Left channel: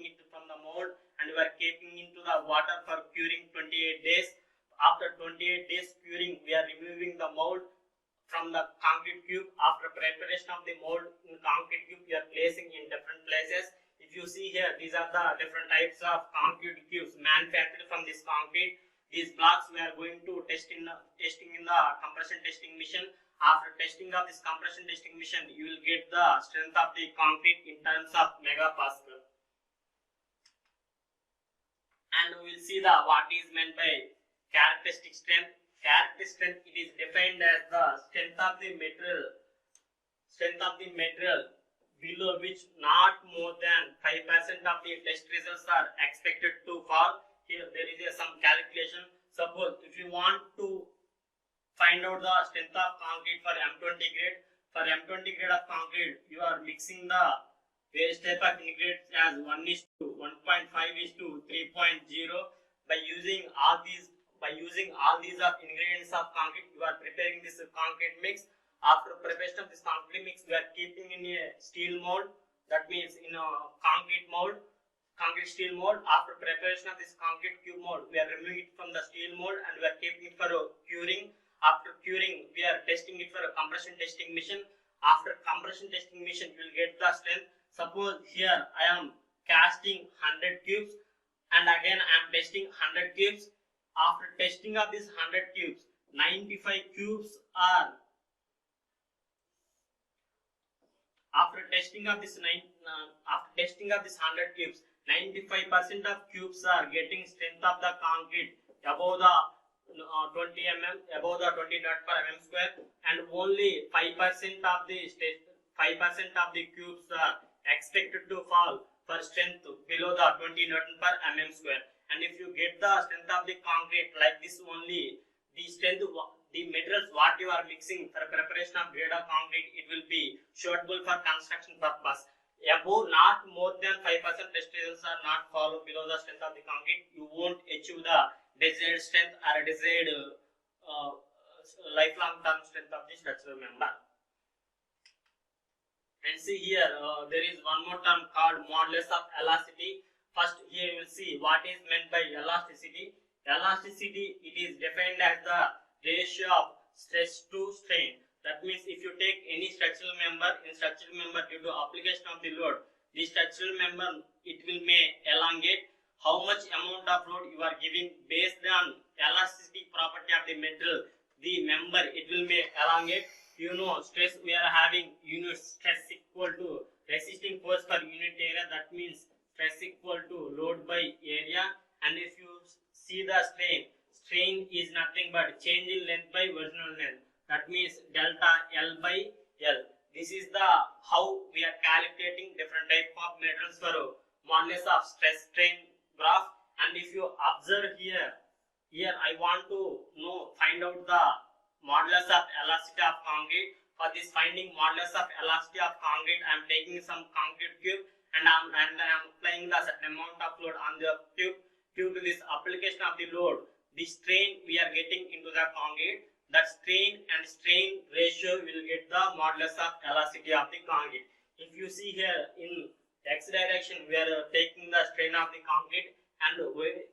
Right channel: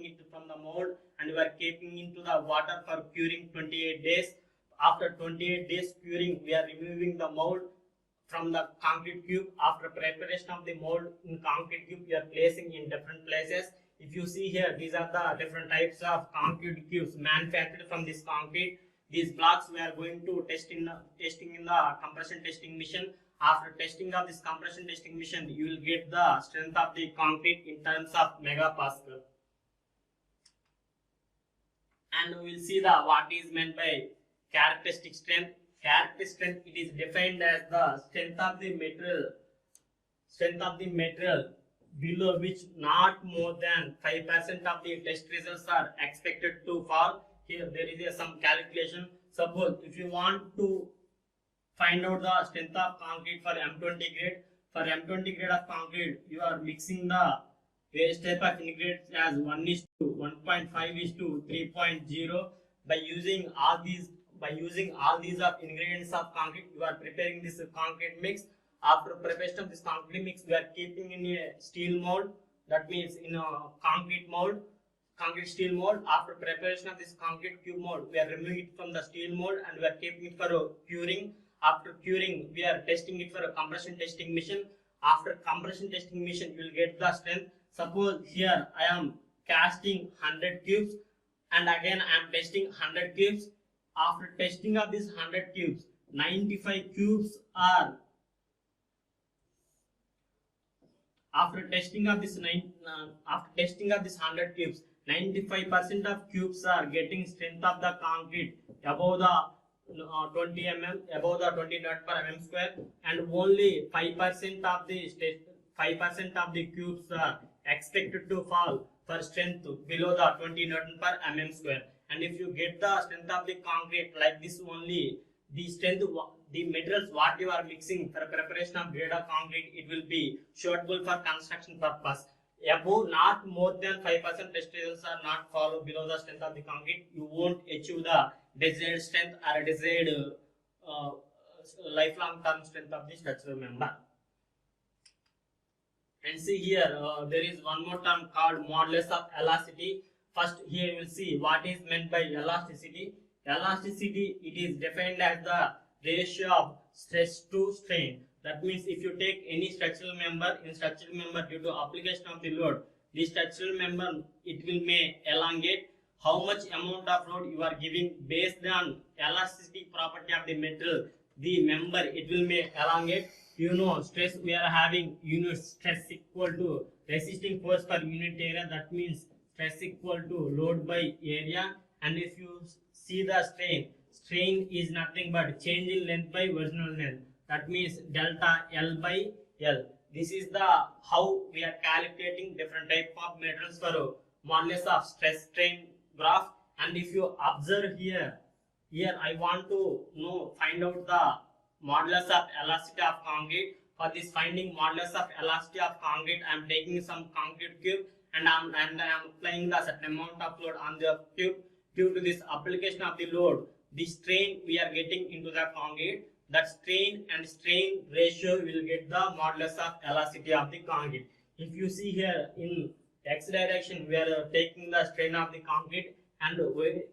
taking it from the mold and we are keeping into the water for curing 28 days. After 28 days curing, we are removing the mold from the concrete cube. After preparation of the mold in concrete cube, we are placing in different places. If you see here, these are the different types of concrete cubes manufactured from this concrete. These blocks we are going to testing in the compression testing machine. After testing of this compression testing machine, you will get the strength of the concrete in terms of megapascal. And we will see the what is meant by characteristic strength. Characteristic strength, it is defined as the strength of the material below which not more than 5% of the test results are expected to fall. Here there is some calculation. Suppose if you want to find out the strength of concrete for M20 grade, for M20 grade of concrete, you are mixing the various type of ingredients as 1:1.5:3.0. By using all these ingredients of concrete, you are preparing this concrete mix. After preparation of this concrete mix, we are keeping in a steel mold. That means in a concrete steel mold. After preparation of this concrete cube mold, we are removing it from the steel mold and we are keeping it for curing. After curing, we are testing it for a compression testing machine. After compression testing machine, you will get the strength. Suppose here I am casting 100 cubes and again I am testing 100 cubes. After testing of these 100 cubes, 95 cubes are after testing of this 100 cubes, 95% of cubes are getting strength of the concrete above the 20 mm, above the 20 Newton per mm square, and only 5% of the cubes are expected to fall for strength below the 20 Newton per mm square. And if you get the strength of the concrete like this only, the strength, the materials what you are mixing for preparation of grade of concrete, it will be suitable for construction purpose. Above not more than 5% test results are not follow below the strength of the concrete, you won't achieve the desired strength or desired lifelong term strength of the structural member. And see here, there is one more term called modulus of elasticity. First, here you will see what is meant by elasticity. Elasticity, it is defined as the ratio of stress to strain. That means if you take any structural member, due to application of the load, the structural member, it will may elongate. How much amount of load you are giving based on elasticity property of the material, the member, it will may elongate. You know, stress we are having unit stress equal to resisting force per unit area. That means stress equal to load by area. And if you see the strain is nothing but change in length by original length. That means delta L by L. This is the how we are calculating different type of materials for modulus of stress strain graph. And if you observe here I want to find out the modulus of elasticity of concrete. For this finding modulus of elasticity of concrete, I am taking some concrete cube and I am applying the certain amount of load on the cube. Due to this application of the load, the strain we are getting into the concrete, that strain and strain ratio will get the modulus of elasticity of the concrete. If you see here in x direction, we are taking the strain of the concrete, and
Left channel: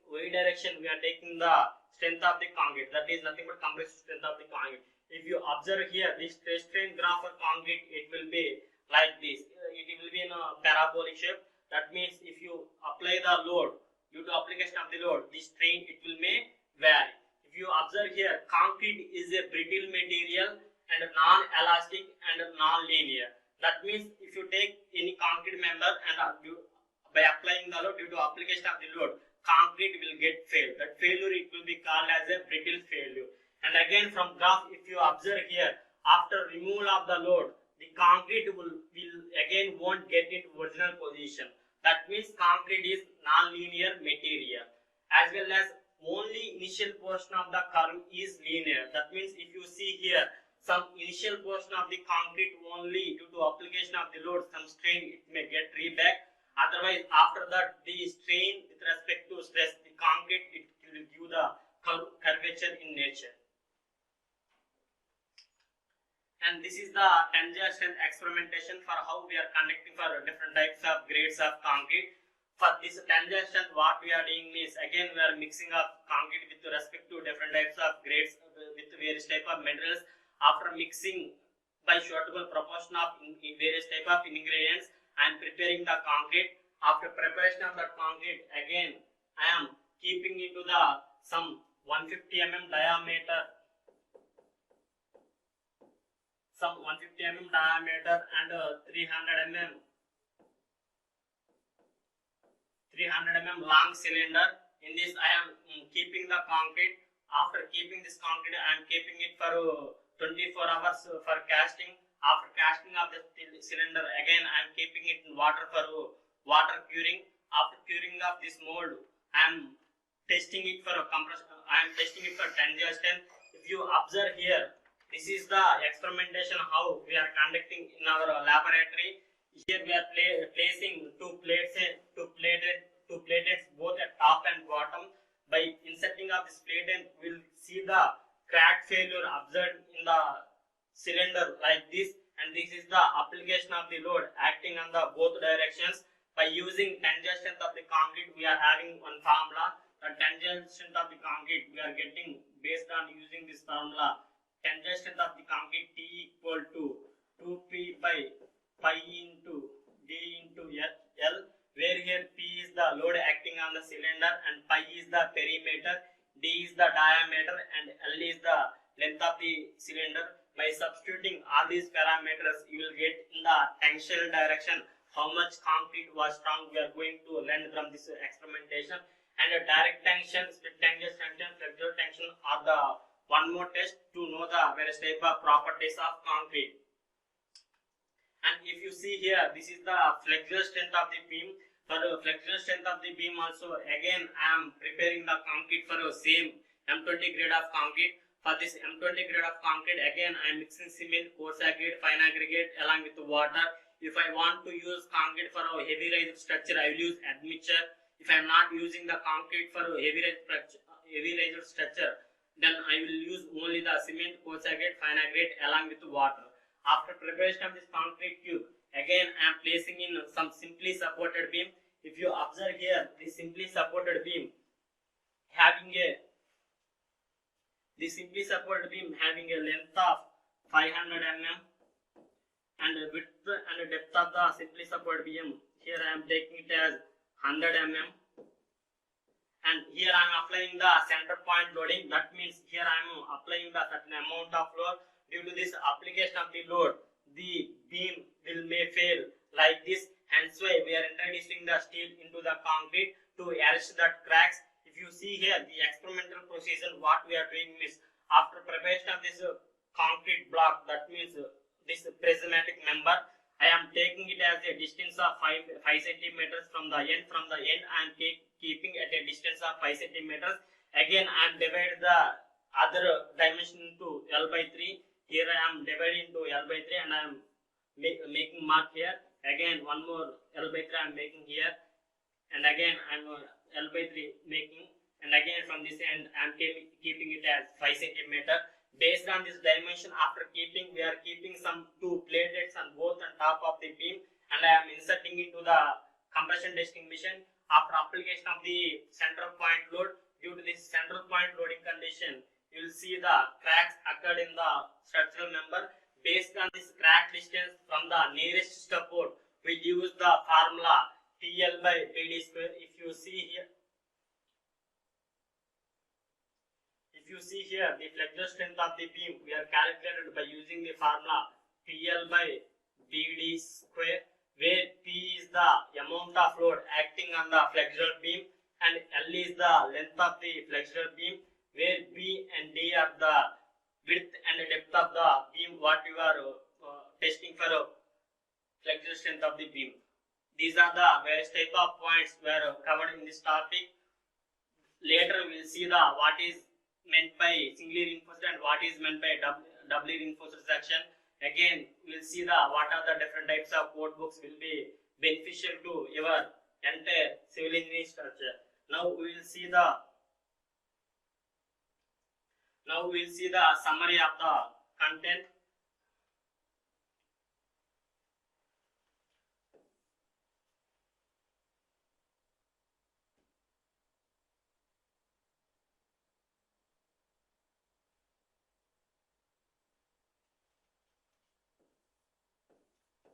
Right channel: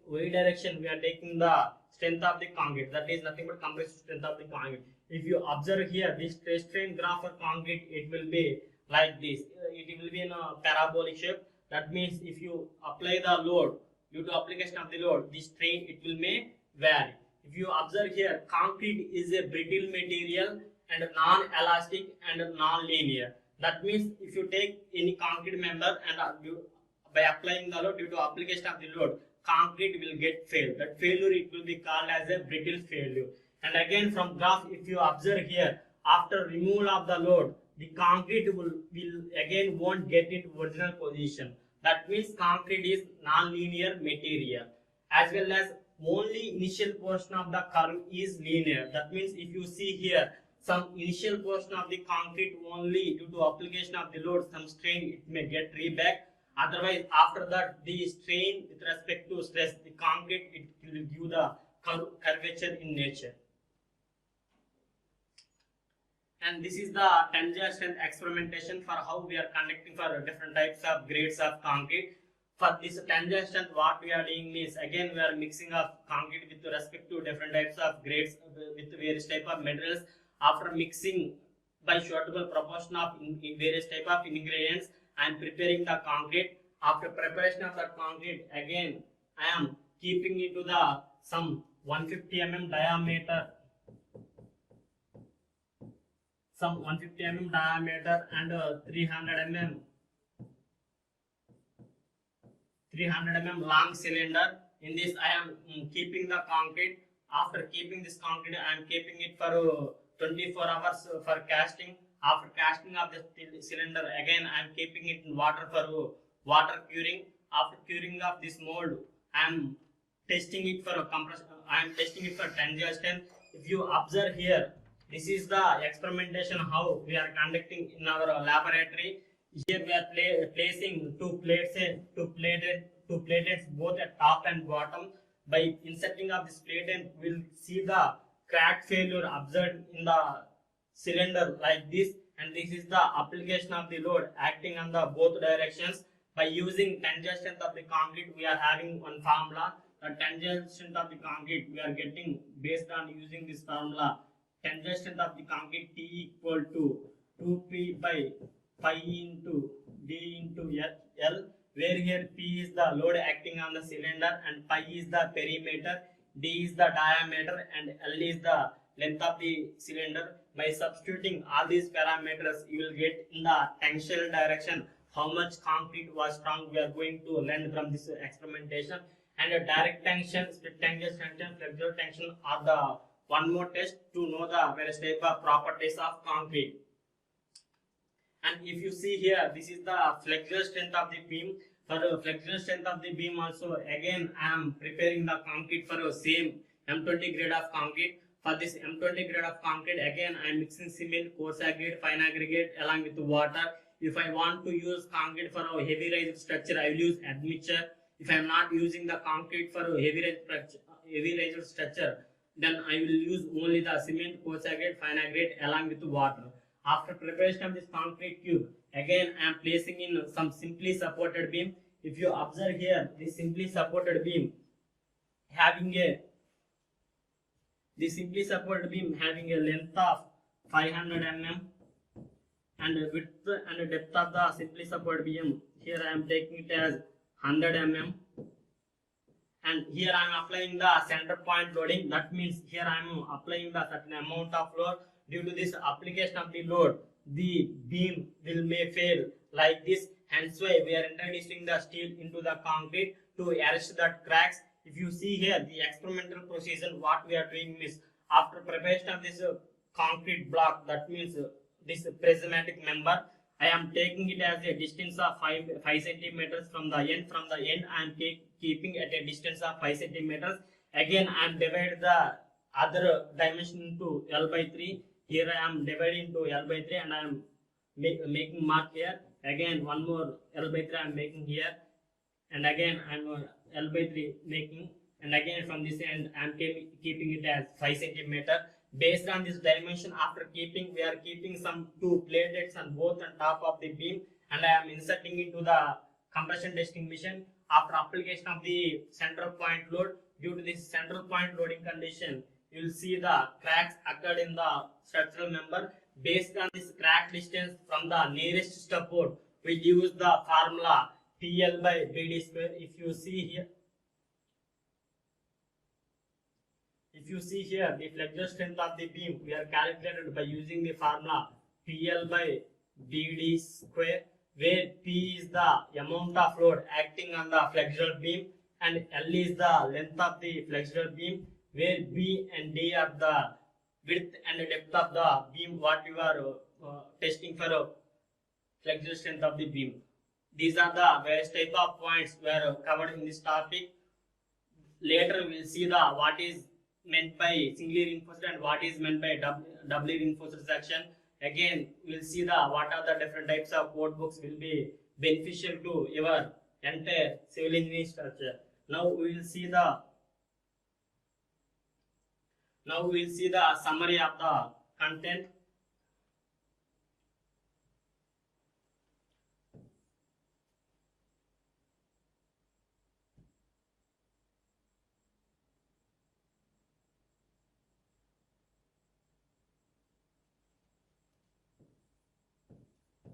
y direction we are taking the strength of the concrete. That is nothing but compressive strength of the concrete. If you observe here, this stress strain graph for concrete, it will be like this. It will be in a parabolic shape. That means if you apply the load, due to application of the load, the strain it will may vary. If you observe here, concrete is a brittle material and non-elastic and non-linear. That means if you take any concrete member and by applying the load, due to application of the load, concrete will get failed. That failure it will be called as a brittle failure. And again from graph, if you observe here, after removal of the load, the concrete will again won't get into original position. That means concrete is non-linear material, as well as only initial portion of the curve is linear. That means if you see here, some initial portion of the concrete only due to application of the load, some strain it may get reback. Otherwise, after that, the strain with respect to stress, the concrete it will give the curvature in nature. And this is the tensile strength experimentation for how we are conducting for different types of grades of concrete. For this tangent strength, what we are doing is, again we are mixing up concrete with respect to different types of grades with various type of materials. After mixing by suitable proportion of in various type of ingredients, I am preparing the concrete. After preparation of the concrete, again I am keeping into the some 150 diameter, some 150 diameter and 300 long cylinder. In this I am keeping the concrete. After keeping this concrete, I am keeping it for 24 hours for casting. After casting of the cylinder, again I am keeping it in water for water curing. After curing of this mold, I am testing it for compression. I am testing it for tangent. If you observe here, this is the experimentation how we are conducting in our laboratory. Here we are placing two plates both at top and bottom. By inserting of this plate, we will see the crack failure observed in the cylinder like this, and this is the application of the load acting on the both directions. By using tangent strength of the concrete, we are having one formula. The tangent strength of the concrete we are getting based on using this formula. Tangent strength of the concrete T equal to 2p by pi into d into L, where here P is the load acting on the cylinder and pi is the perimeter, d is the diameter and L is the length of the cylinder. By substituting all these parameters, you will get in the tangential direction how much concrete was strong we are going to learn from this experimentation. And a direct tension, split tension, flexural tension are the one more test to know the various type of properties of concrete. And if you see here, this is the flexural strength of the beam. For the flexural strength of the beam also, again I am preparing the concrete for the same M20 grade of concrete. For this M20 grade of concrete, again I am mixing cement, coarse aggregate, fine aggregate along with water. If I want to use concrete for a heavy raised structure, I will use admixture. If I am not using the concrete for a heavy raised structure, then I will use only the cement, coarse aggregate, fine aggregate along with water. After preparation of this concrete cube, again I am placing in some simply supported beam. If you observe here, this simply supported beam having a length of 500 mm and width and depth of the simply supported beam. Here I am taking it as 100 mm. And here I am applying the center point loading. That means here I am applying the certain amount of load. Due to this application of the load, the beam may fail like this. Hence why we are introducing the steel into the concrete to arrest that cracks. If you see here, the experimental procedure, what we are doing is, after preparation of this concrete block, that means this prismatic member, I am taking it as a distance of 5 centimeters from the end. From the end, I am keeping at a distance of 5 centimeters. Again, I am dividing the other dimension into L by 3. Here I am dividing into L by 3 and I am making mark here. Again, one more L by 3 I am making here. And again, I am L by 3 making. And again, from this end, I am keeping it as 5 centimeter. Based on this dimension, after keeping, we are keeping some two platelets on both on top of the beam, and I am inserting into the compression testing machine. After application of the center point load, due to this central point loading condition, you will see the cracks occurred in the structural member. Based on this crack distance from the nearest support, we use the formula TL by BD square. If you see here, the flexural strength of the beam we are calculated by using the formula PL by BD square, where P is the amount of load acting on the flexural beam and L is the length of the flexural beam, where B and D are the width and depth of the beam what you are testing for flexural strength of the beam. These are the various type of points were covered in this topic. Later we will see the what is meant by singly reinforced and what is meant by doubly reinforced section. Again, we will see the what are the different types of code books will be beneficial to your entire civil engineering structure. Now we will see the summary of the content.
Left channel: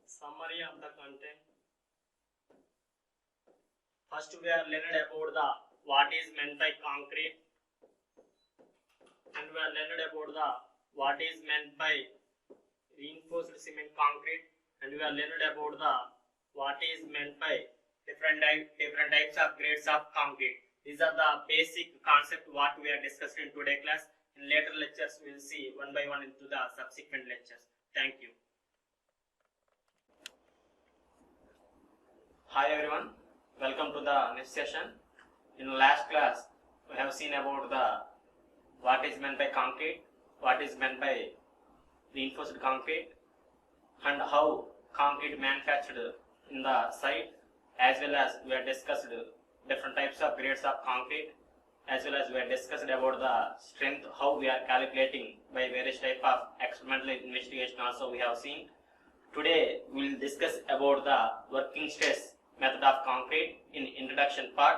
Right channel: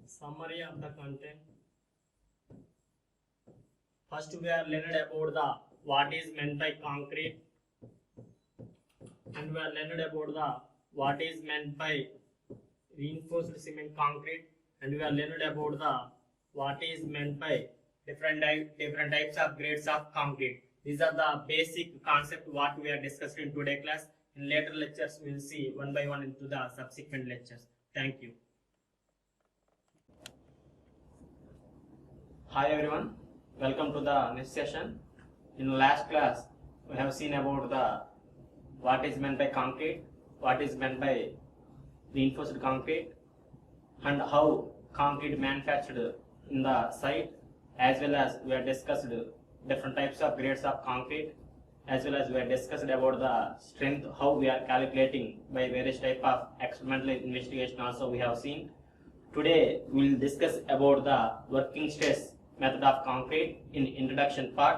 Summary of the content. First, we are learned about the what is meant by concrete, and we are learned about the what is meant by reinforced cement concrete, and we are learned about the what is meant by different types of grades of concrete. These are the basic concept what we are discussed in today class. In later lectures, we will see one by one into the subsequent lectures. Thank you. Hi everyone, welcome to the next session. In last class, we have seen about the what is meant by concrete, what is meant by reinforced concrete, and how concrete manufactured in the site, as well as we have discussed different types of grades of concrete, as well as we have discussed about the strength, how we are calculating by various type of experimental investigation also we have seen. Today we will discuss about the working stress method of concrete in introduction part.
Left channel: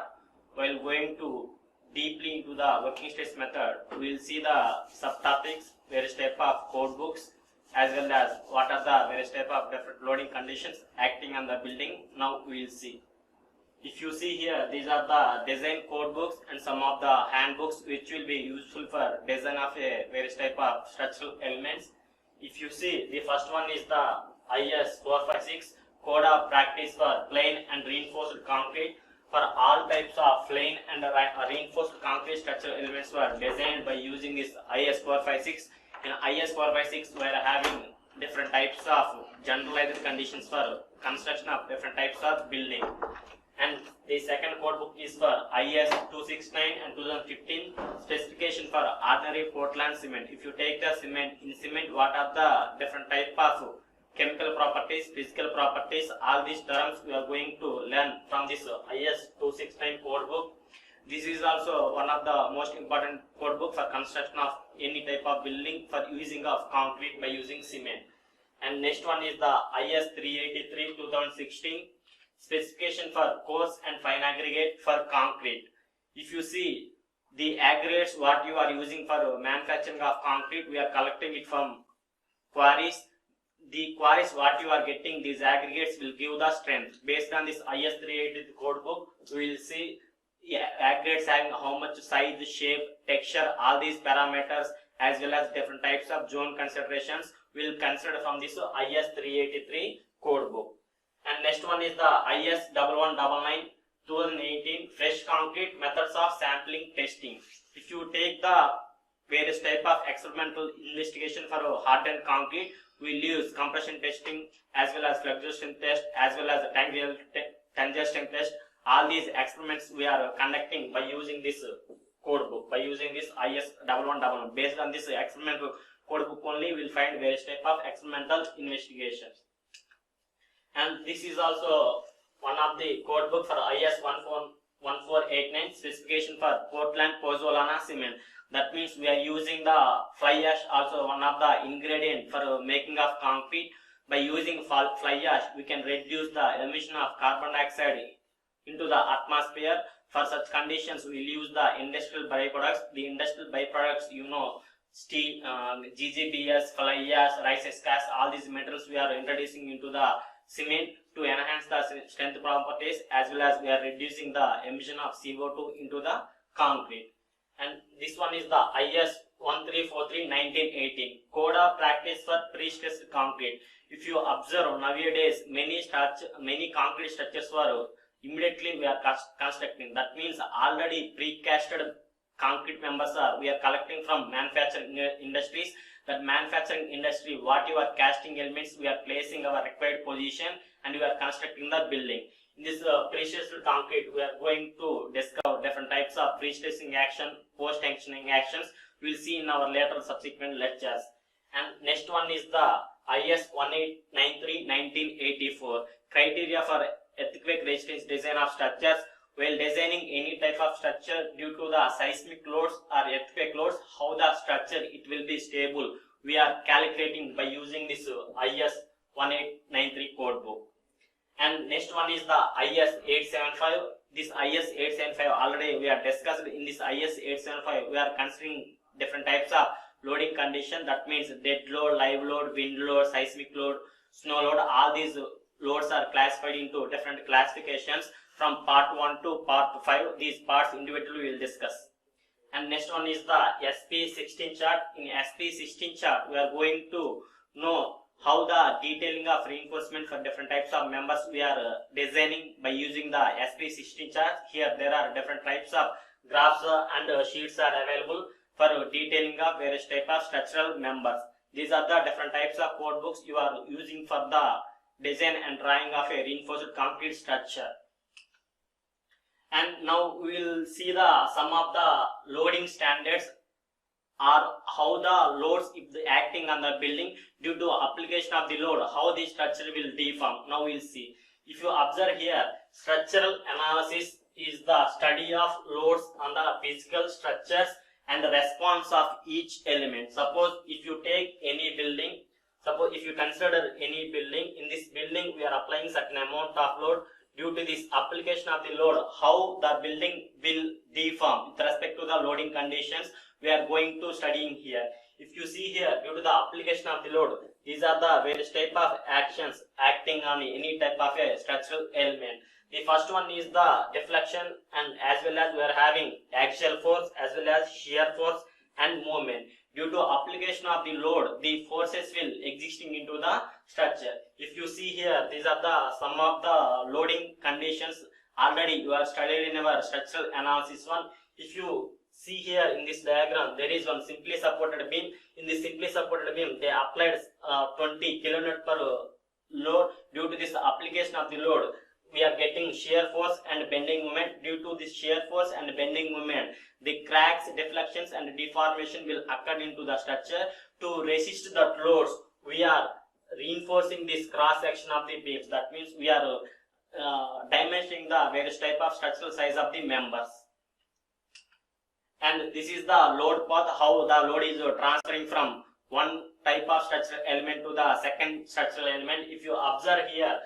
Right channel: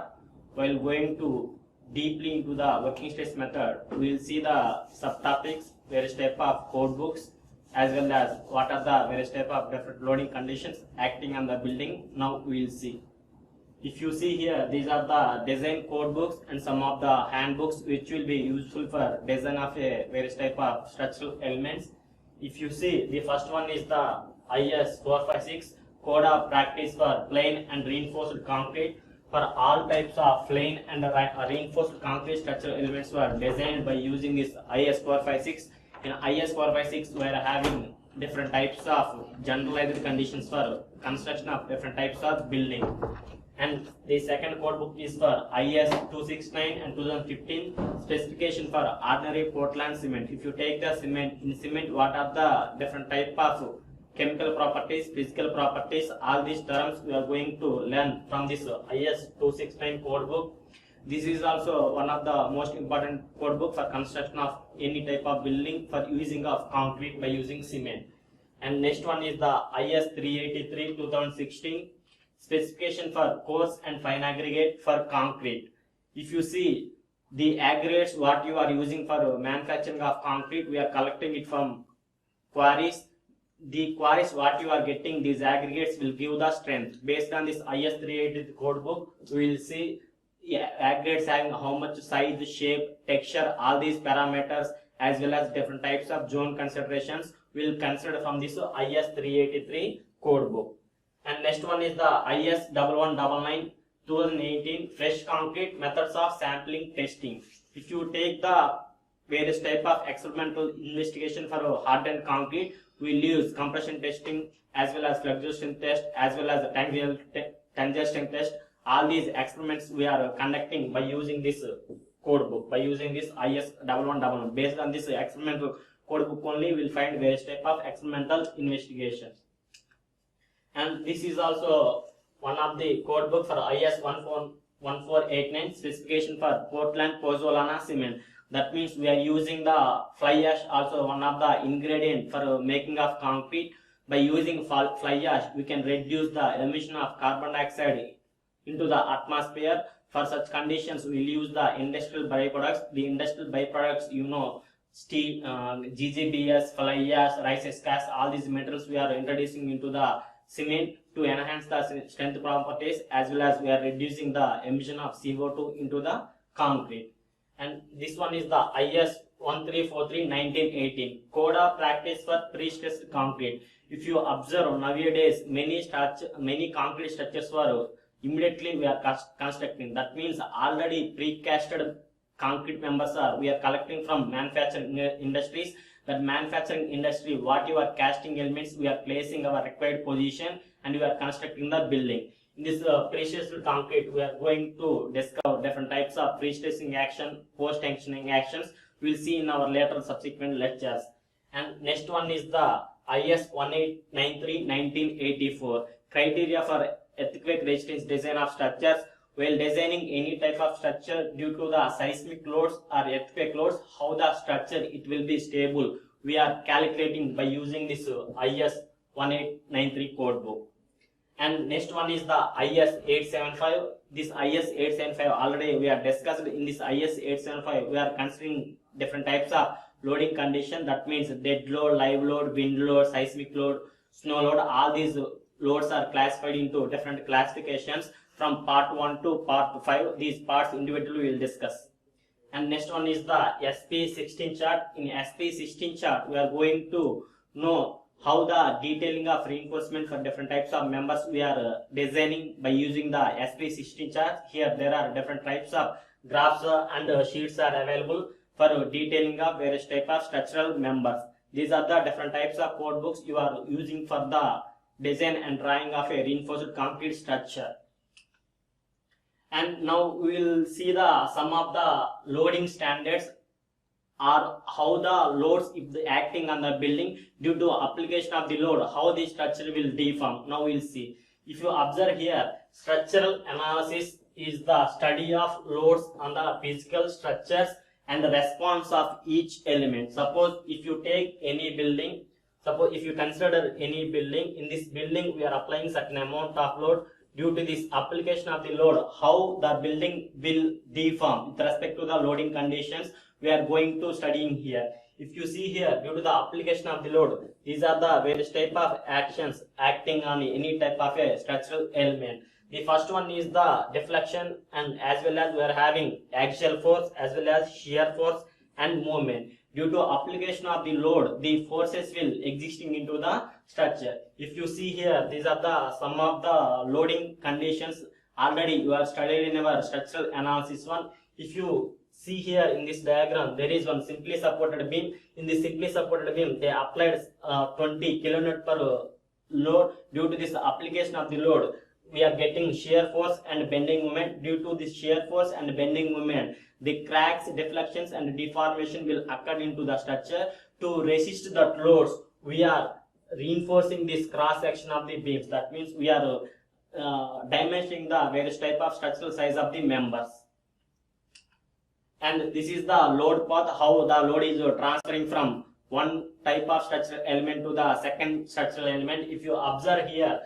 While going to deeply into the working stress method, we will see the subtopics, various type of code books, as well as what are the various type of different loading conditions acting on the building. Now we will see. If you see here, these are the design code books and some of the handbooks which will be useful for design of a various type of structural elements. If you see, the first one is the IS 456 Code of Practice for Plain and Reinforced Concrete. For all types of plain and reinforced concrete structural elements were designed by using this IS 456. In IS 456, we are having different types of generalized conditions for construction of different types of building. And the second code book is for IS 269 and 2015 specification for ordinary Portland cement. If you take the cement, in cement what are the different type of chemical properties, physical properties, all these terms we are going to learn from this IS 269 code book. This is also one of the most important code book for construction of any type of building for using of concrete by using cement. And next one is the IS 383 2016 specification for coarse and fine aggregate for concrete. If you see the aggregates what you are using for manufacturing of concrete, we are collecting it from quarries. The quarries what you are getting, these aggregates will give the strength. Based on this IS 380 code book, we will see aggregates having how much size, shape, texture, all these parameters, as well as different types of zone considerations we will consider from this IS 383 code book. And next one is the IS 1199 2018 fresh concrete methods of sampling testing. If you take the various type of experimental investigation for hardened concrete, we will use compression testing as well as fluctuation test as well as congestion test. All these experiments we are conducting by using this code book, by using this IS 1199. Based on this experimental code book only, we will find various type of experimental investigations. And this is also one of the code book for IS 1489 specification for Portland pozzolana cement. That means we are using the fly ash, also one of the ingredient for making of concrete. By using fly ash, we can reduce the emission of carbon dioxide into the atmosphere. For such conditions, we will use the industrial byproducts. The industrial byproducts, you know, steel, GGBS, fly ash, rice gas, all these materials we are introducing into the cement to enhance the strength properties, as well as we are reducing the emission of CO2 into the concrete. And this one is the IS 1343 1918 Code of Practice for Pre-Stressed Concrete. If you observe nowadays, many concrete structures were immediately we are constructing. That means already precasted concrete members are we are collecting from manufacturing industries. That manufacturing industry, what you are casting elements, we are placing our required position and we are constructing the building. In this pre-stressed concrete, we are going to discover different types of pre-stressing action, post-tensioning actions. We will see in our later subsequent lectures. And next one is the IS 1893 1984 criteria for earthquake resistance design of structures. While designing any type of structure, due to the seismic loads or earthquake loads, how the structure it will be stable, we are calculating by using this IS 1893 code book. And next one is the IS 875. This IS 875 already we are discussed. In this IS 875, we are considering different types of loading condition. That means dead load, live load, wind load, seismic load. snow load. All these loads are classified into different classifications from part 1 to part 5. These parts individually we will discuss. And next one is the SP16 chart. In SP16 chart, we are going to know how the detailing of reinforcement for different types of members we are designing by using the SP16 chart. Here there are different types of graphs and sheets are available for detailing of various type of structural members. These are the different types of code books you are using for the design and drawing of a reinforced concrete structure. And now we will see some of the loading standards, or how the loads, if the acting on the building due to application of the load, how the structure will deform. Now we will see. If you observe here, structural analysis is the study of loads on the physical structures and the response of each element. Suppose if you take any building, suppose if you consider any building, in this building we are applying certain amount of load. Due to this application of the load, how the building will deform with respect to the loading conditions, we are going to studying here. If you see here, due to the application of the load, these are the various type of actions acting on any type of a structural element. The first one is the deflection, and as well as we are having axial force as well as shear force and movement. Due to application of the load, the forces will existing into the structure. If you see here, these are some of the loading conditions already you are studied in our structural analysis one. If you see here in this diagram, there is one simply supported beam. In this simply supported beam, they applied 20 kN per load. Due to this application of the load, we are getting shear force and bending moment. Due to this shear force and bending moment, the cracks, deflections and deformation will occur into the structure. To resist that loads, we are reinforcing this cross section of the beams. That means we are dimensioning the various type of structural size of the members. And this is the load path, how the load is transferring from one type of structural element to the second structural element. If you observe here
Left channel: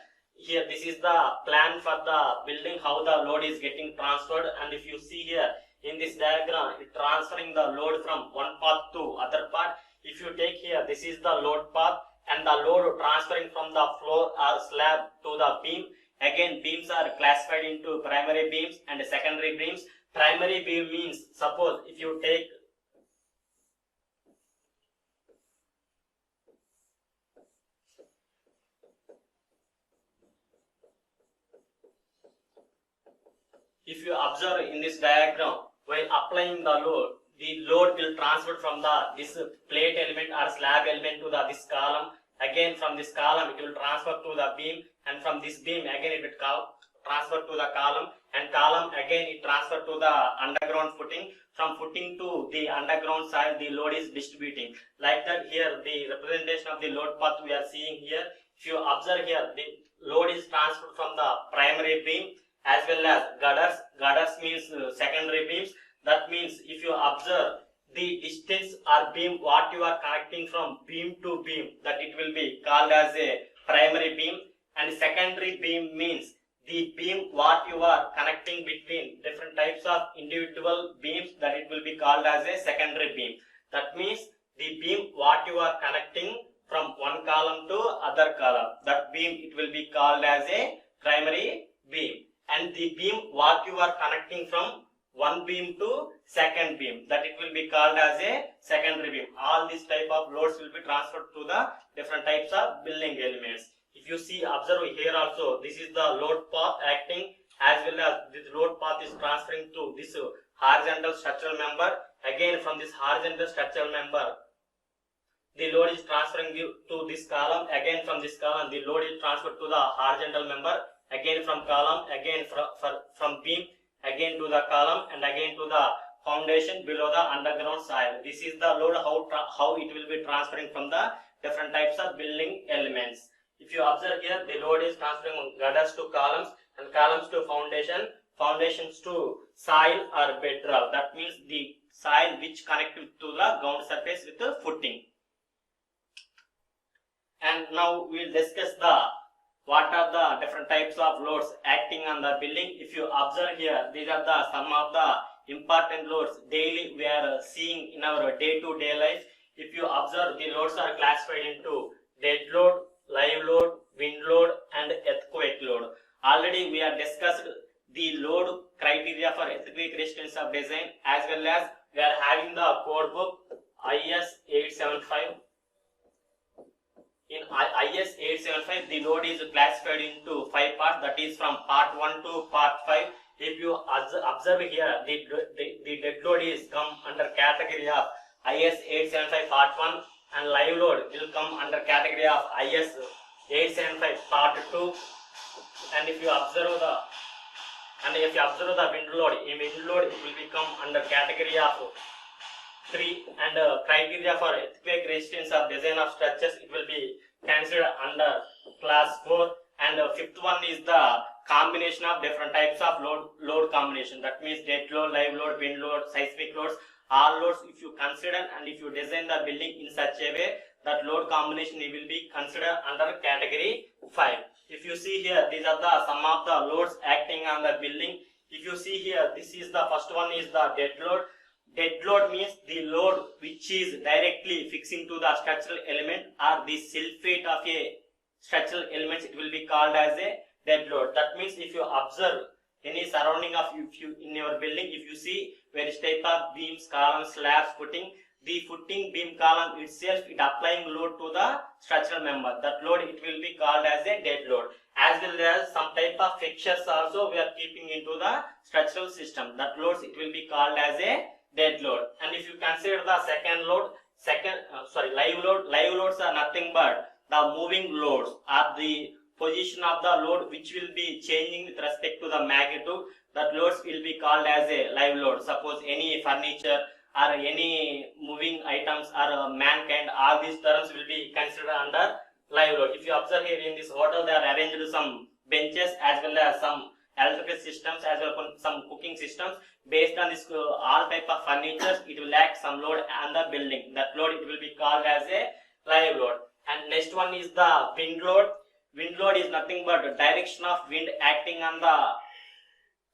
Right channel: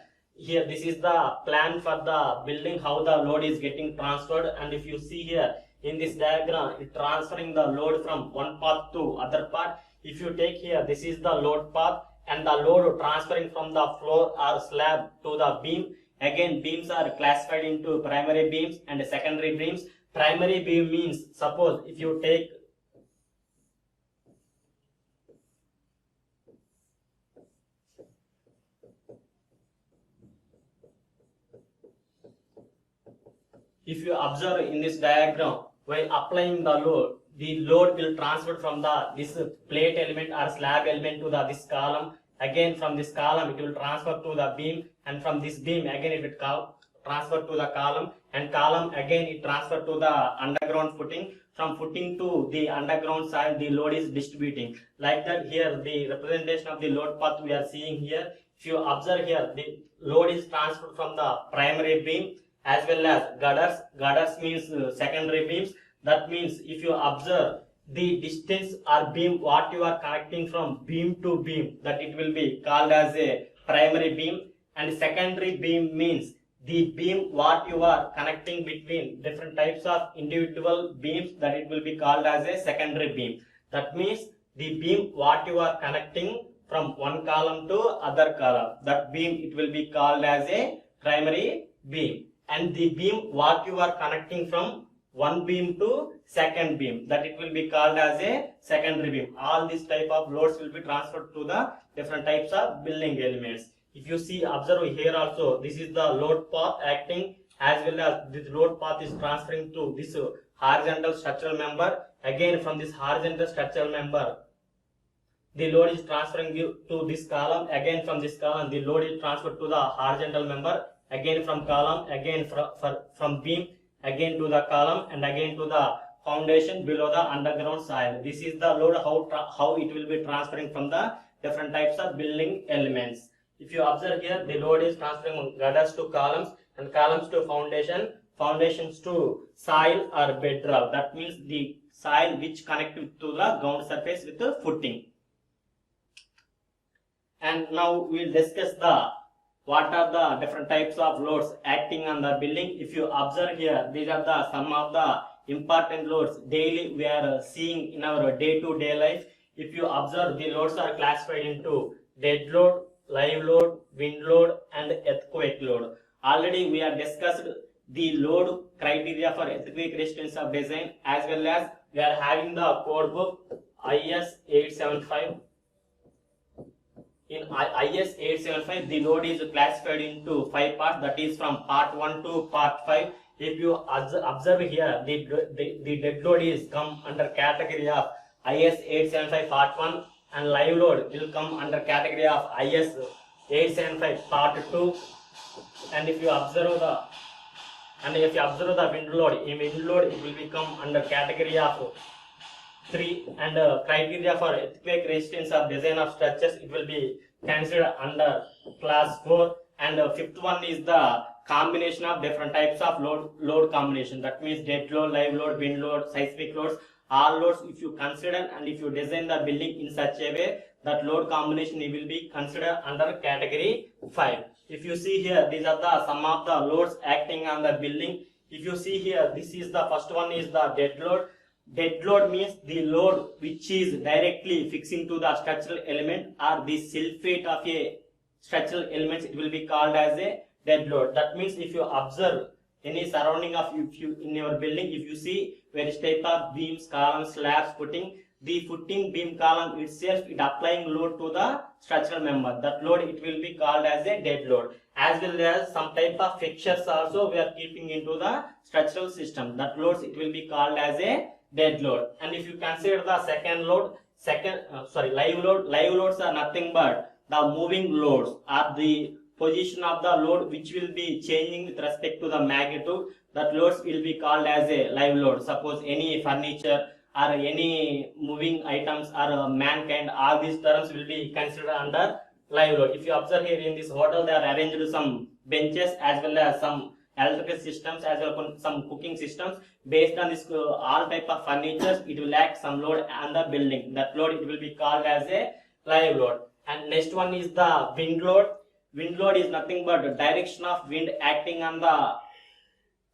this is the plan for the building, how the load is getting transferred. And if you see here in this diagram, it transferring the load from one path to other part. If you take here, this is the load path, and the load transferring from the floor or slab to the beam. Again, beams are classified into primary beams and secondary beams. Primary beam means, suppose if you take if you observe in this diagram, while applying the load will transfer from this plate element or slab element to this column. Again, from this column it will transfer to the beam, and from this beam again it will transfer to the column, and column again it transfer to the underground footing. From footing to the underground side, the load is distributing. Like that, here the representation of the load path we are seeing here. If you observe here, the load is transferred from the primary beam as well as girders. Girders means secondary beams. That means if you observe the distance or beam what you are connecting from beam to beam, that it will be called as a primary beam. And secondary beam means the beam what you are connecting between different types of individual beams, that it will be called as a secondary beam. That means the beam what you are connecting from one column to other column, that beam it will be called as a primary beam. And the beam what you are connecting from one beam to second beam, that it will be called as a secondary beam. All these type of loads will be transferred to the different types of building elements. If you see, observe here also, this is the load path acting, as well as this load path is transferring to this horizontal structural member. Again, from this horizontal structural member, the load is transferring to this column. Again, from this column, the load is transferred to the horizontal member. Again, from column, again from beam, again to the column, and again to the foundation below the underground soil. This is the load, how it will be transferring from the different types of building elements. If you observe here, the load is transferring from girders to columns, and columns to foundation, foundations to soil or bedrock. That means the soil which connect to the ground surface with the footing. And now we will discuss what are the different types of loads acting on the building. If you observe here, these are some of the important loads daily we are seeing in our day-to-day life. If you observe, the loads are classified into dead load, live load, wind load, and earthquake load. Already we have discussed the load criteria for earthquake resistance of design, as well as we are having the code book IS 875. In IS 875, the load is classified into 5 parts, that is from part 1 to part 5. If you observe here, the dead load is come under category of IS 875 part 1, and live load will come under category of IS 875 part 2. And if you observe the wind load, in wind load it will become under category of 3, and criteria for earthquake resistance of design of structures, it will be considered under class 4. And fifth one is the combination of different types of load combination, that means dead load, live load, wind load, seismic loads. All loads if you consider and if you design the building in such a way, that load combination will be considered under category 5. If you see here, these are the some of the loads acting on the building. If you see here, this is the first one is the dead load. Dead load means the load which is directly fixing to the structural element or the self-weight of a structural elements, it will be called as a dead load. That means if you observe any surrounding of you in your building, if you see various type of beams, columns, slabs, footing, the footing, beam, column itself it applying load to the structural member, that load it will be called as a dead load. As well as some type of fixtures also we are keeping into the structural system, that loads it will be called as a dead load. And if you consider the second load, live load, live loads are nothing but the moving loads or the position of the load which will be changing with respect to the magnitude, that loads will be called as a live load. Suppose any furniture or any moving items or mankind, all these terms will be considered under live load. If you observe here in this hotel, they are arranged some benches as well as some electrical systems as well as some cooking systems. Based on this all type of furniture, it will act some load on the building. That load it will be called as a live load. And next one is the wind load. Wind load is nothing but the direction of wind acting on the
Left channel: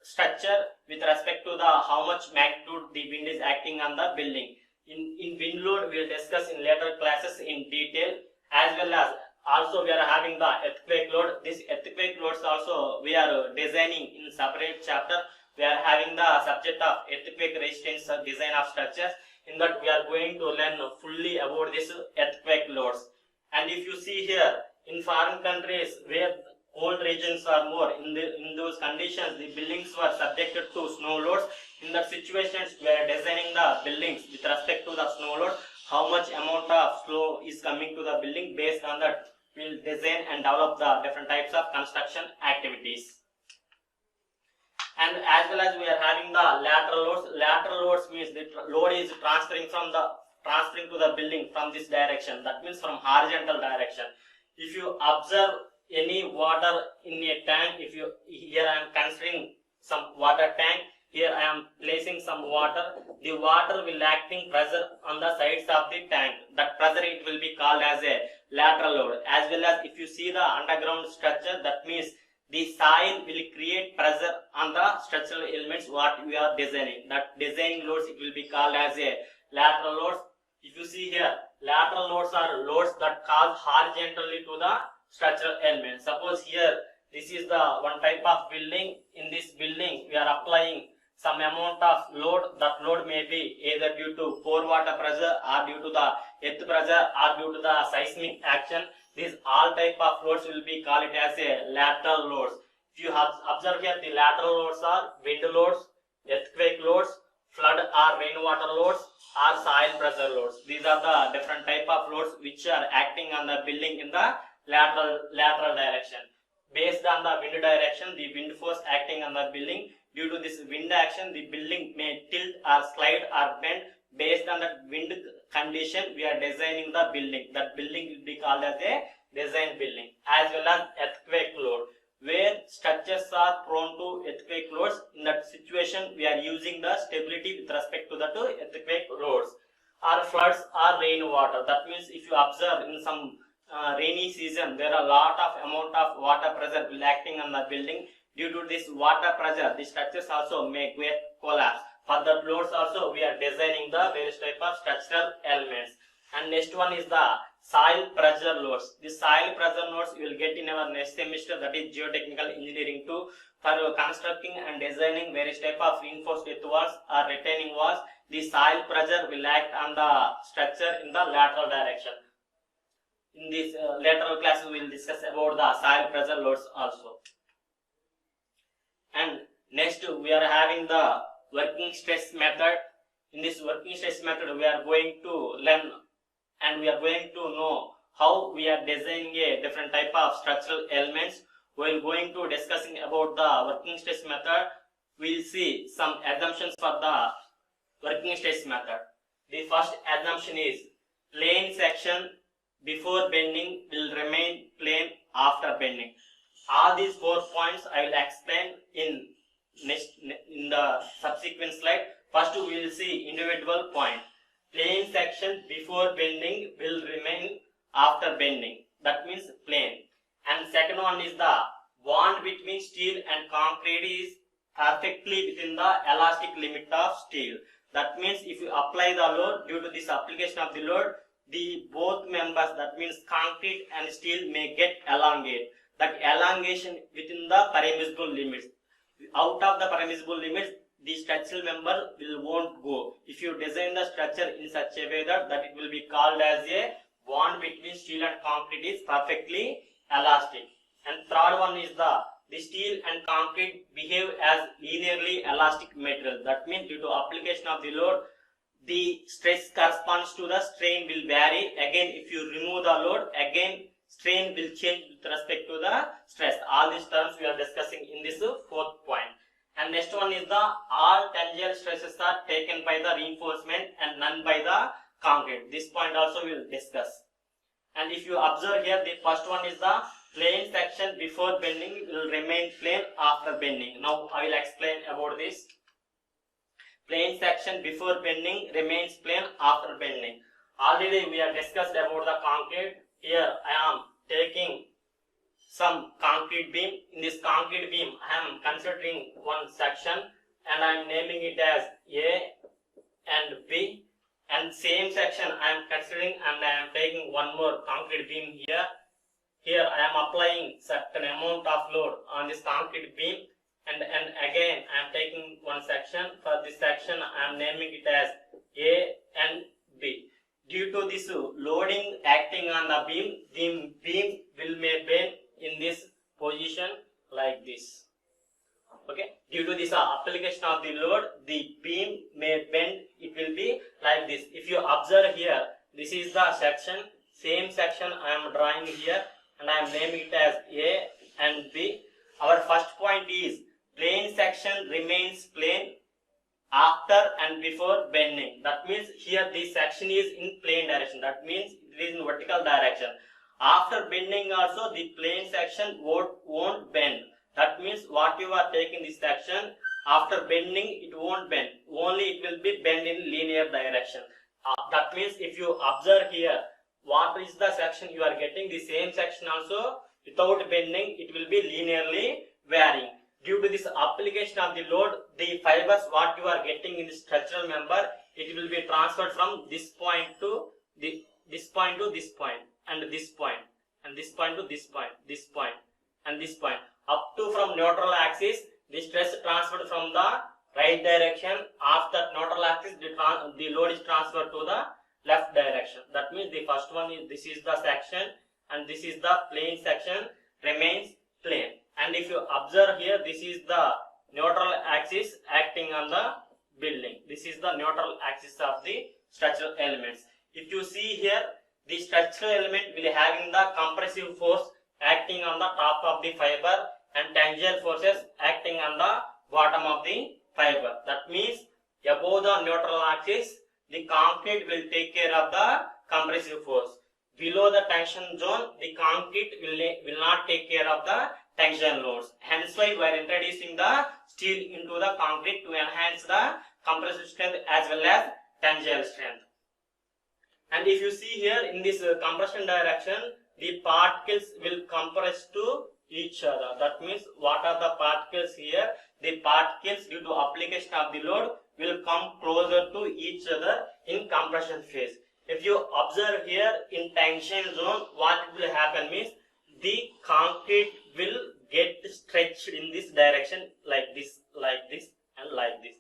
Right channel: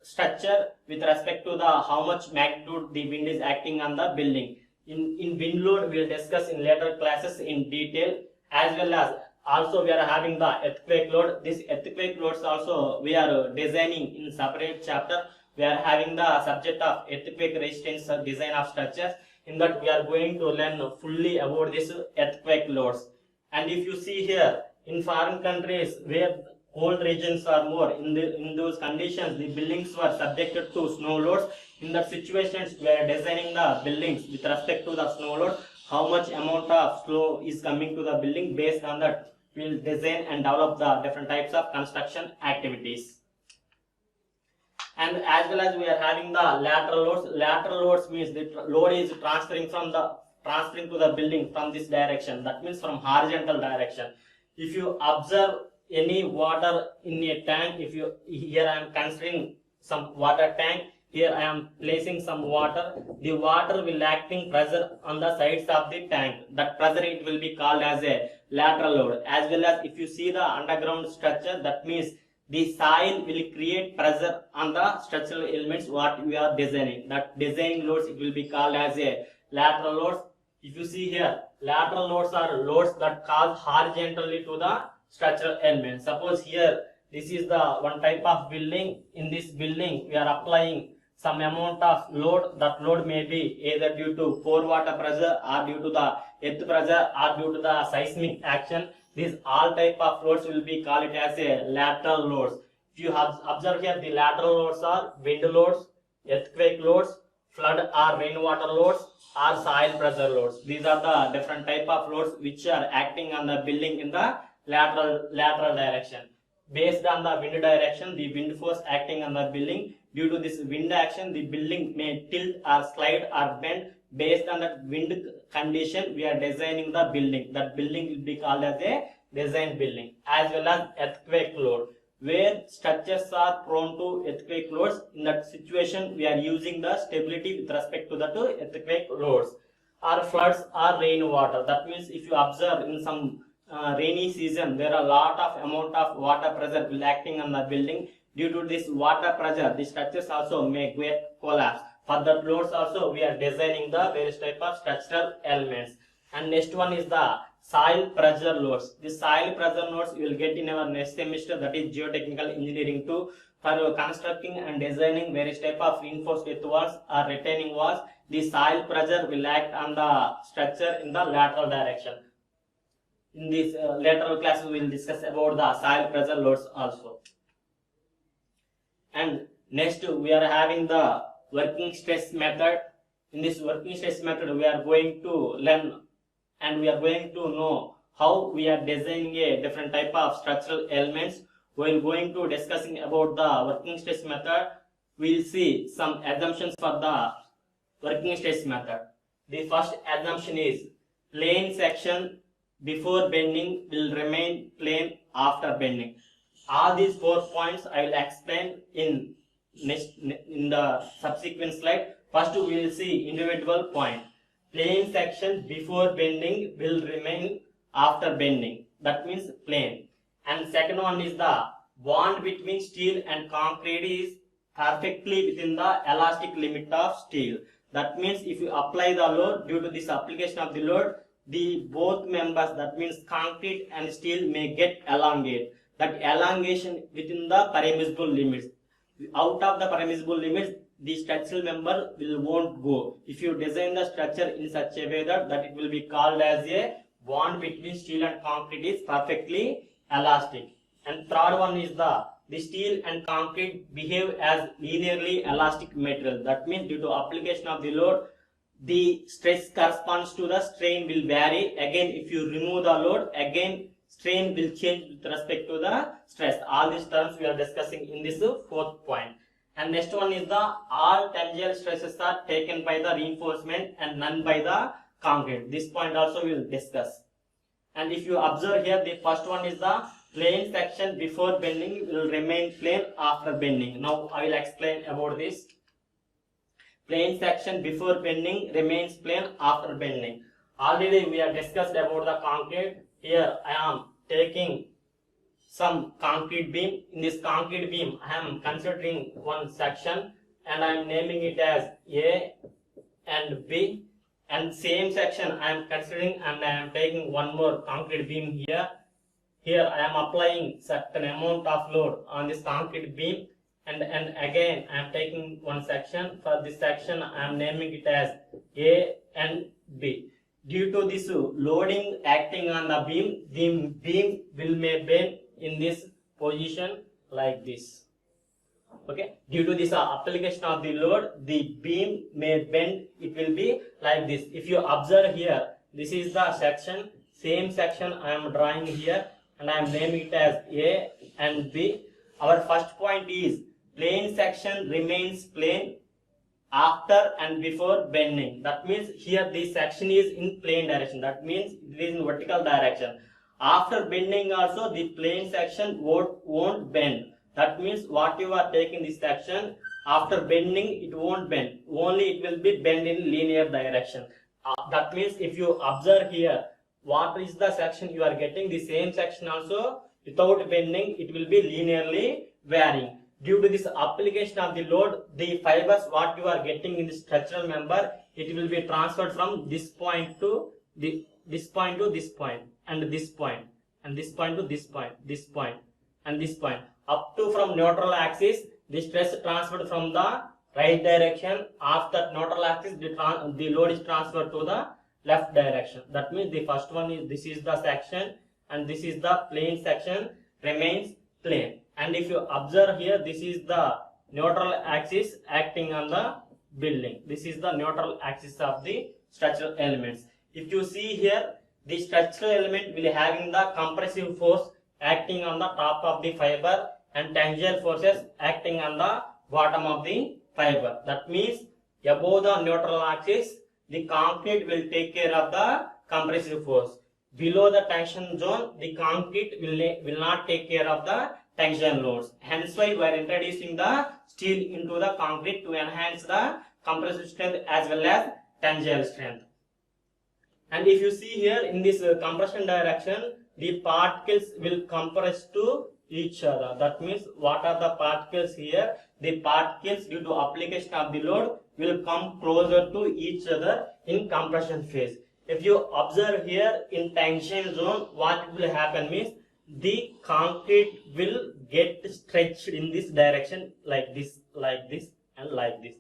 structure with respect to the how much magnitude the wind is acting on the building. In wind load we will discuss in later classes in detail. As well as also we are having the earthquake load. This earthquake loads also we are designing in separate chapter. We are having the subject of earthquake resistance design of structures. In that we are going to learn fully about this earthquake loads. And if you see here, in foreign countries where cold regions are more, in those conditions the buildings were subjected to snow loads. In that situations we are designing the buildings with respect to the snow load, how much amount of snow is coming to the building. Based on that we will design and develop the different types of construction activities. And as well as we are having the lateral loads. Lateral loads means the load is transferring to the building from this direction, that means from horizontal direction. If you observe any water in a tank, here I am considering some water tank, here I am placing some water, the water will acting pressure on the sides of the tank, that pressure it will be called as a lateral load. As well as if you see the underground structure, that means the soil will create pressure on the structural elements what we are designing, that designing loads it will be called as a lateral loads. If you see here, lateral loads are loads that cause horizontally to the structural element. Suppose here this is the one type of building. In this building we are applying some amount of load. That load may be either due to pore water pressure or due to the earth pressure or due to the seismic action. These all type of loads will be called as a lateral loads. If you have observe here, the lateral loads are wind loads, earthquake loads, flood or rainwater loads, or soil pressure loads. These are the different type of loads which are acting on the building in the lateral direction. Based on the wind direction, the wind force acting on the building. Due to this wind action, the building may tilt or slide or bend. Based on that wind condition, we are designing the building. That building will be called as a design building. As well as earthquake load, where structures are prone to earthquake loads. In that situation, we are using the stability with respect to the earthquake loads. Or floods or rainwater. That means if you observe in some rainy season, there are a lot of amount of water pressure will acting on the building. Due to this water pressure, the structures also may get collapse. For the loads also we are designing the various type of structural elements. And next one is the soil pressure loads. The soil pressure loads you will get in our next semester, that is geotechnical engineering 2, for constructing and designing various type of reinforced earth walls or retaining walls. The soil pressure will act on the structure in the lateral direction. In this lateral class we will discuss about the soil pressure loads also. And next we are having the working stress method. In this working stress method we are going to learn and we are going to know how we are designing a different type of structural elements. We are going to discussing about the working stress method. We will see some assumptions for the working stress method. The first assumption is plane section before bending will remain plane after bending. All these 4 points I will explain in the subsequent slide. First we will see individual point. Plane section before bending will remain after bending. That means plane. And second one is the bond between steel and concrete is perfectly within the elastic limit of steel. That means if you apply the load, due to this application of the load, the both members, that means concrete and steel, may get elongate. That elongation within the permissible limits. Out of the permissible limits, the structural member won't go. If you design the structure in such a way that it will be called as a bond between steel and concrete is perfectly elastic. And third one is the steel and concrete behave as linearly elastic material. That means due to application of the load, the stress corresponds to the strain will vary. Again, if you remove the load, again strain will change with respect to the stress. All these terms we are discussing in this 4th point. And next one is the all tangential stresses are taken by the reinforcement and none by the concrete. This point also we will discuss. And if you observe here, the first one is the plane section before bending will remain plane after bending. Now I will explain about this. Plane section before bending remains plane after bending. Already we have discussed about the concrete. Here I am taking some concrete beam. In this concrete beam I am considering one section and I am naming it as A and B, and same section I am considering and I am taking one more concrete beam here. Here I am applying certain amount of load on this concrete beam, and again I am taking one section. For this section I am naming it as A and B. Due to this loading acting on the beam, the beam may bend in this position like this. Okay, due to this application of the load, the beam may bend. It will be like this. If you observe here, this is the section, same section I am drawing here and I am naming it as A and B. Our first point is plane section remains plane after and before bending. That means here this section is in plane direction. That means it is in vertical direction. After bending also the plane section won't bend. That means what you are taking this section, after bending it won't bend. Only it will be bend in linear direction. That means if you observe here, what is the section you are getting, the same section also without bending it will be linearly varying. Due to this application of the load, the fibers what you are getting in the structural member, it will be transferred from this point to this point to this point, and this point, and this point to this point, this point, and this point, up to from neutral axis. The stress transferred from the right direction. After neutral axis, the load is transferred to the left direction. That means the first one is, this is the section and this is the plane section remains plane. And if you observe here, this is the neutral axis acting on the building. This is the neutral axis of the structural elements. If you see here, the structural element will having the compressive force acting on the top of the fiber and tangential forces acting on the bottom of the fiber. That means above the neutral axis, the concrete will take care of the compressive force. Below the tension zone, the concrete will not take care of the tension loads. Hence why we are introducing the steel into the concrete to enhance the compressive strength as well as tensile strength. And if you see here in this compression direction, the particles will compress to each other. That means what are the particles here? The particles due to application of the load will come closer to each other in compression phase. If you observe here in tension zone, what will happen means the concrete will get stretched in this direction like this, and like this.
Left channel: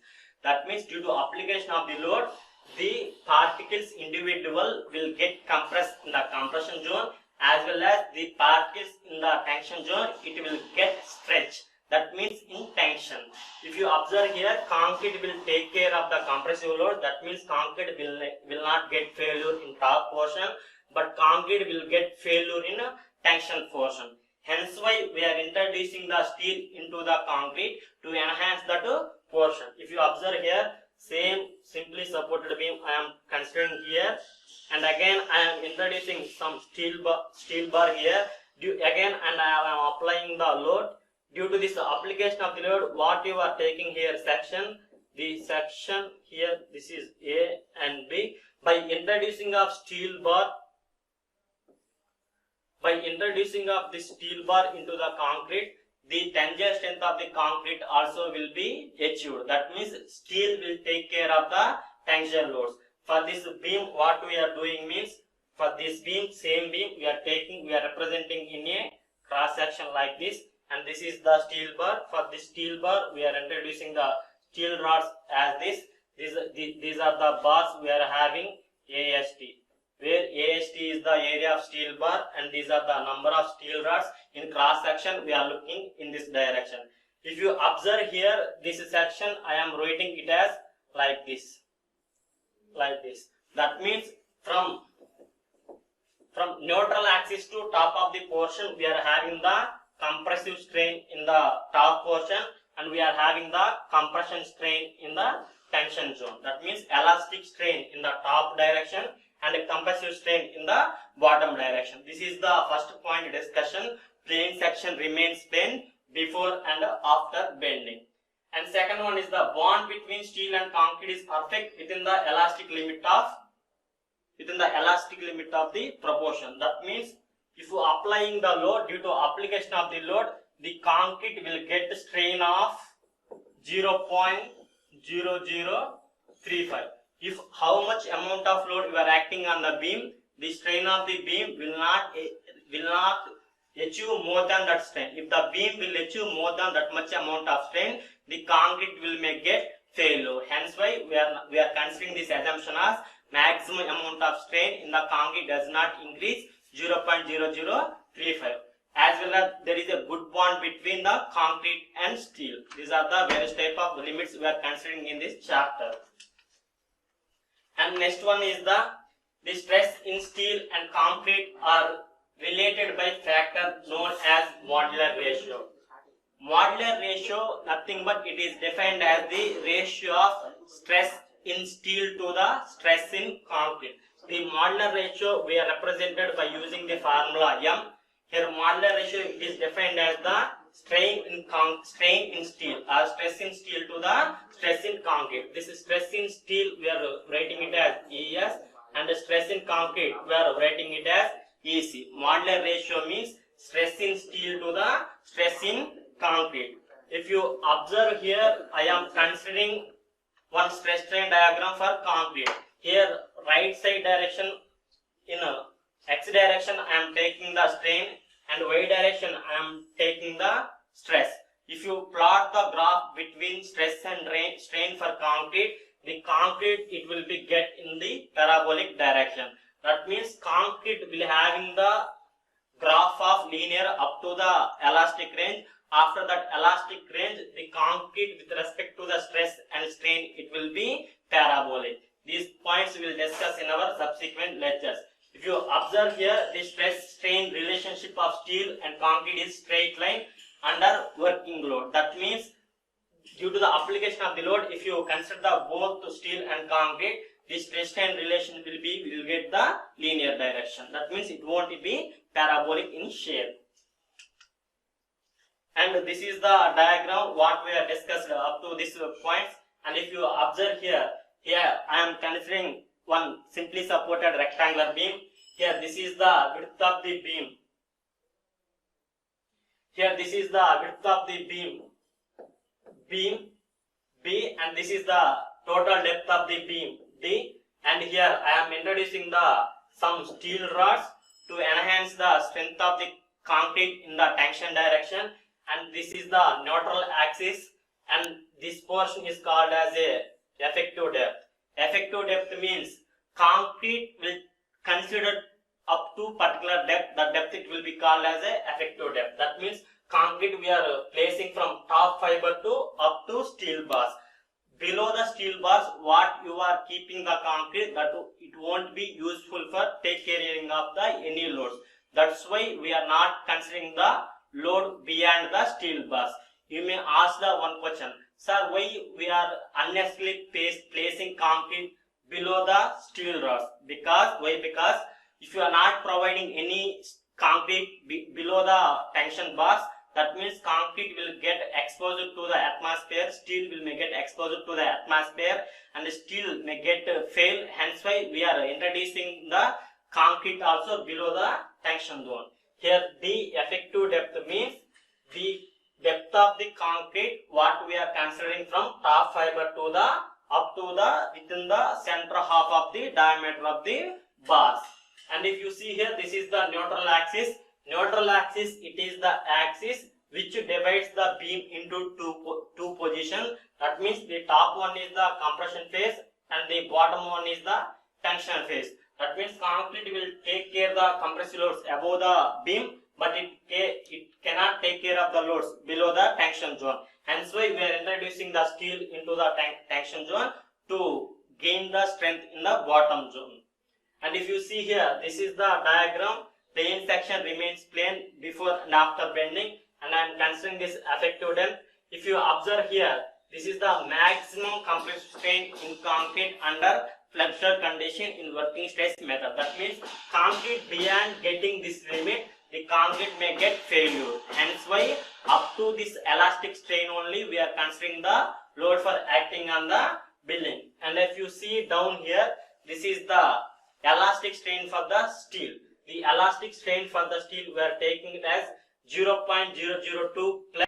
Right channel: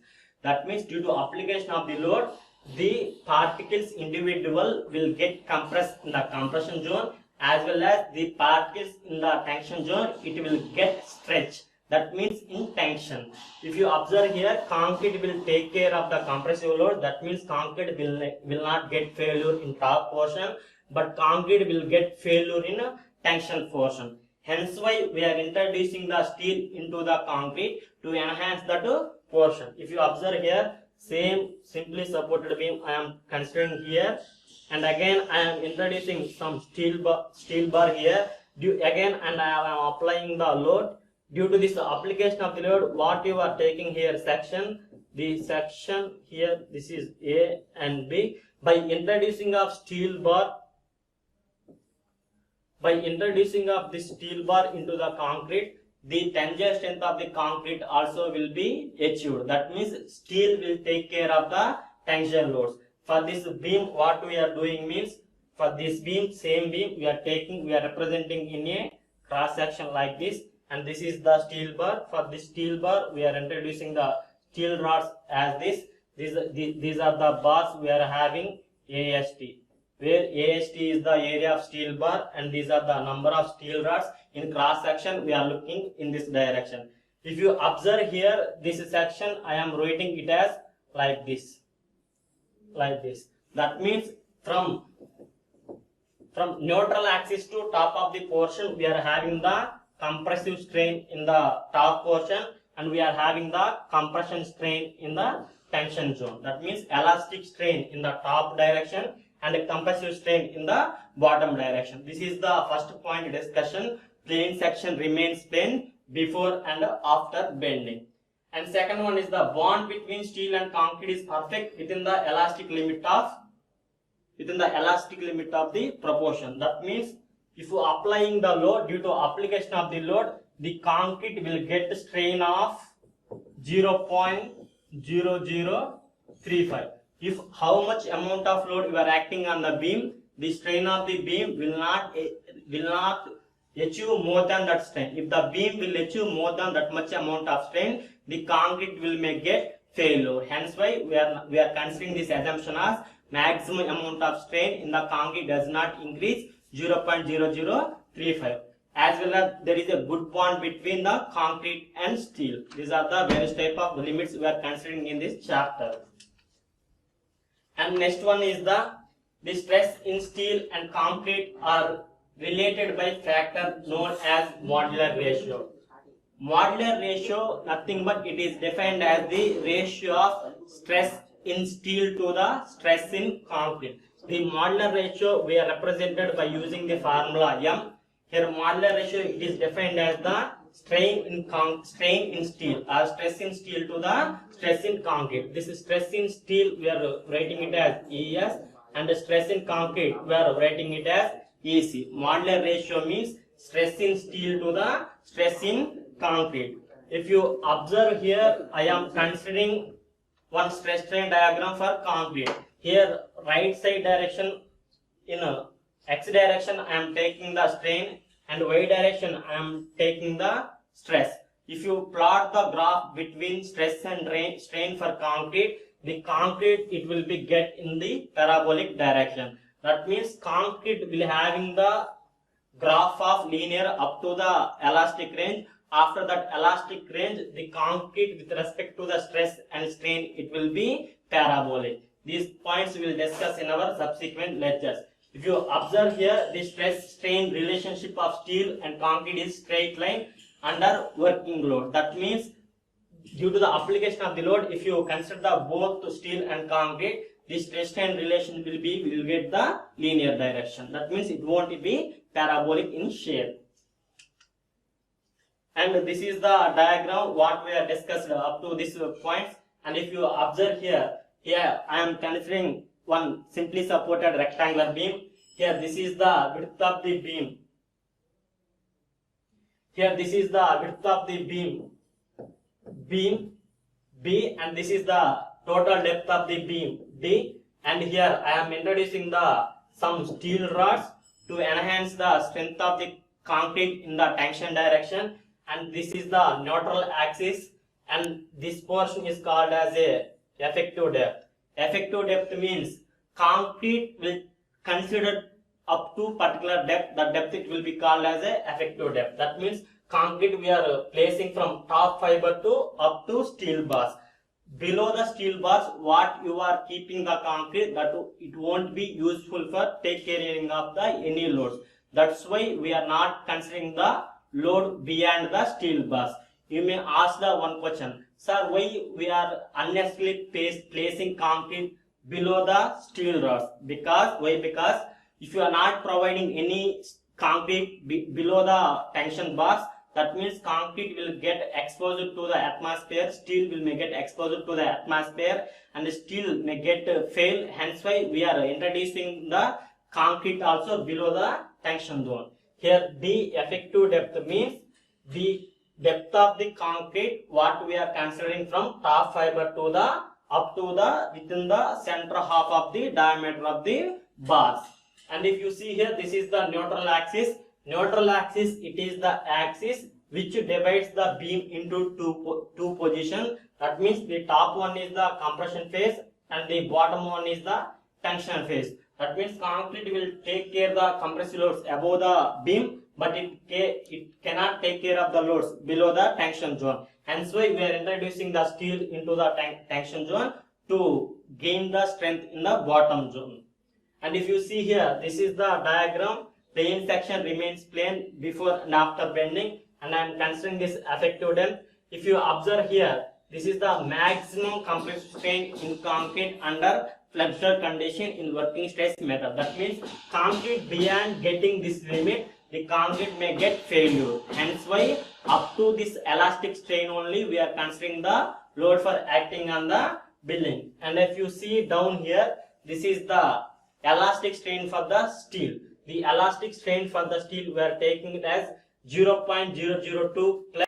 That means due to application of the load, the particles individual will get compressed in the compression zone, as well as the particles in the tension zone, it will get stretched. That means in tension. If you observe here, concrete will take care of the compressive load. That means concrete will not get failure in top portion, but concrete will get failure in a tension portion. Hence why we are introducing the steel into the concrete to enhance that portion. If you observe here, same simply supported beam I am considering here, and again I am introducing some steel bar here. And I am applying the load. Due to this application of the load, what you are taking here section, the section here, this is A and B. By introducing of this steel bar into the concrete, the tensile strength of the concrete also will be achieved. That means steel will take care of the tensile loads. For this beam, what we are doing means, for this beam, same beam we are representing in a cross section like this, and this is the steel bar. For this steel bar, we are introducing the steel rods as this. These are the bars we are having AST, where AST is the area of steel bar, and these are the number of steel rods. In cross section, we are looking in this direction. If you observe here, this section I am writing it as like this. That means from neutral axis to top of the portion, we are having the compressive strain in the top portion, and we are having the compression strain in the tension zone. That means elastic strain in the top direction and a compressive strain in the bottom direction. This is the first point discussion. Plane section remains plane before and after bending. And second one is the bond between steel and concrete is perfect within the elastic limit of the proportion. That means if you are applying the load, due to application of the load, the concrete will get strain of 0.0035. If how much amount of load you are acting on the beam, the strain of the beam will not achieve more than that strain. If the beam will achieve more than that much amount of strain, the concrete will may get failure. Hence why we are considering this assumption as maximum amount of strain in the concrete does not increase 0.0035. As well as there is a good bond between the concrete and steel. These are the various type of limits we are considering in this chapter. And next one is the stress in steel and concrete are related by factor known as modular ratio. Modular ratio, nothing but it is defined as the ratio of stress in steel to the stress in concrete. The modular ratio we are represented by using the formula M. Here modular ratio, it is defined as the strain in steel or stress in steel to the stress in concrete. This is stress in steel, we are writing it as ES, and the stress in concrete we are writing it as EC. Modular ratio means stress in steel to the stress in concrete. If you observe here, I am considering one stress strain diagram for concrete. Here right side direction, in X direction I am taking the strain, and Y direction I am taking the stress. If you plot the graph between stress and strain for concrete, the concrete it will be get in the parabolic direction. That means concrete will having the graph of linear up to the elastic range. After that elastic range, the concrete with respect to the stress and strain, it will be parabolic. These points we will discuss in our subsequent lectures. If you observe here, the stress strain relationship of steel and concrete is straight line under working load. That means due to the application of the load, if you consider the both steel and concrete, the stress strain relation will get the linear direction. That means it won't be parabolic in shape. And this is the diagram what we have discussed up to this points. And if you observe here I am considering one simply supported rectangular beam. Here this is the width of the beam. Here this is the width of the beam B, and this is the total depth of the beam D, And here I am introducing some steel rods to enhance the strength of the concrete in the tension direction, and this is the neutral axis, and this portion is called as a effective depth. Effective depth means concrete will consider up to particular depth, the depth it will be called as a effective depth. That means concrete we are placing from top fiber to up to steel bars. Below the steel bars, what you are keeping the concrete, that it won't be useful for take carrying of the any loads. That's why we are not considering the load beyond the steel bars. You may ask the one question, sir, why we are unnecessarily placing concrete below the steel rods? Because if you are not providing any concrete below the tension bars, that means concrete will get exposed to the atmosphere, steel will may get exposed to the atmosphere, and steel may get fail. Hence why we are introducing the concrete also below the tension zone. Here the effective depth means the depth of the concrete what we are considering from top fiber to the up to the within the center half of the diameter of the bars. And if you see here, this is the neutral axis. Neutral axis, it is the axis which divides the beam into two positions. That means the top one is the compression phase and the bottom one is the tension phase. That means concrete will take care of the compressive loads above the beam, but it cannot take care of the loads below the tension zone. Hence why we are introducing the steel into the tension zone to gain the strength in the bottom zone. And if you see here, this is the diagram. The end section remains plain before and after bending, and I am considering this effective depth. If you observe here, this is the maximum compressive strain in concrete under flexural condition in working stress method. That means concrete beyond getting this limit, the concrete may get failure. Hence why up to this elastic strain only we are considering the load for acting on the building. And if you see down here, this is the elastic strain for the steel. The elastic strain for the steel we are taking it as 0.002 plus